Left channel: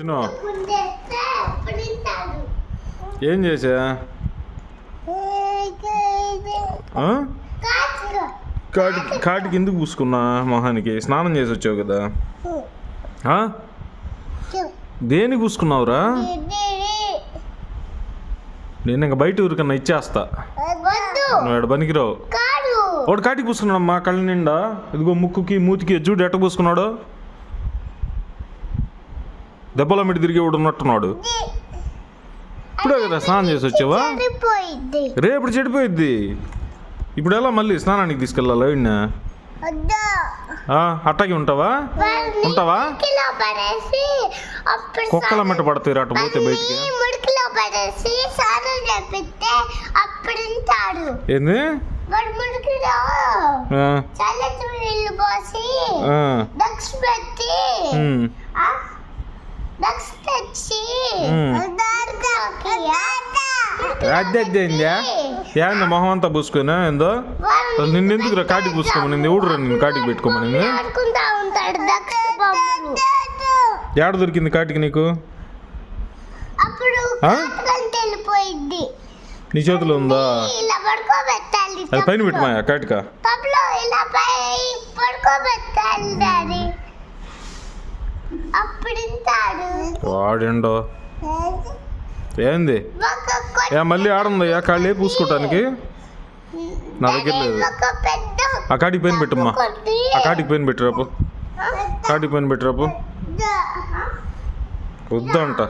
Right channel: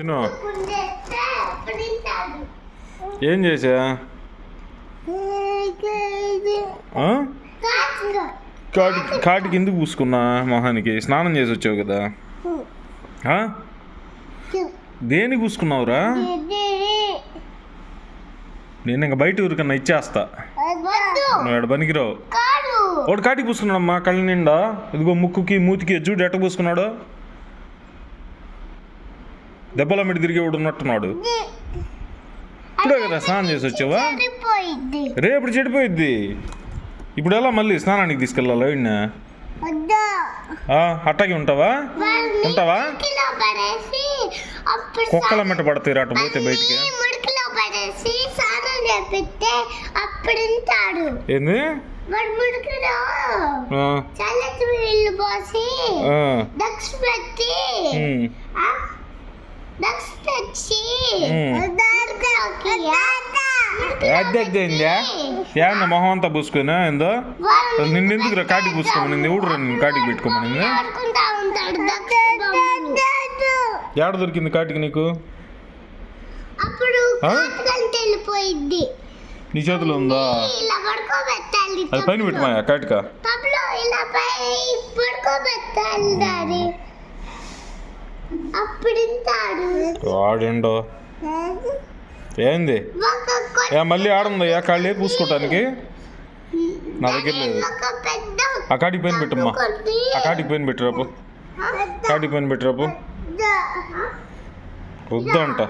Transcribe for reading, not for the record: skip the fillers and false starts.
చిన్న ఏం చేసా కాటికి ఎందుకు పూసుకున్నా మొహానికి? స్నానం చేసి వచ్చావు కదా, దేనికి పూసుకున్నావురా? నేను ఇంకా బయట ఊరికన్నా ఇచ్చేస్తా, నువ్వు ఎడ పనికిరావు. ఒకటి కాటికి పూసుకున్నాడమ్మా కళ్ళ నిండా. ఇదిగో ముక్కుకి మూతికి చూడు ఎట్ట పూసుకున్నాడు. దెబ్బల మిడి తిరిగి ఉన్నట్టున్నాడు. ఇప్పుడే కదా స్నానం చేసి వచ్చావా? రేపు చెడిపోయిద్ది. ఇప్పుడు ఎలా మళ్ళీ స్నానానికి తీసుకెళ్ళాలి? అట్టాగి ఉంటావా? కుక్కల మెట్ట పడతాయి అట్ట పోతే బయటికి. ఏంది ఏందా మొహం అంతా పూసుకున్నా? ఏందో నిన్నెందుకు కాటికి పూసుకోమని ఎవడు నిన్ను కాటికి పెట్టుకోమని? ఏడ దొరికింది కాటికి నీకు? నీ చేతిలో ఉందా? అది పైన పెట్టుమాయా కాటిక? వాడేండో ఏంది మళ్ళీ ఆడుందయ్యా కాళ్ళే పూసుకోవటానికి? నా దగ్గర లేదు. ఆ కాటికి పైన పెట్టమ్మా, ఆ కాటికి పైన పెట్టిరాపు, కాటికి పైన పెట్టిరాపు. వద్దంట.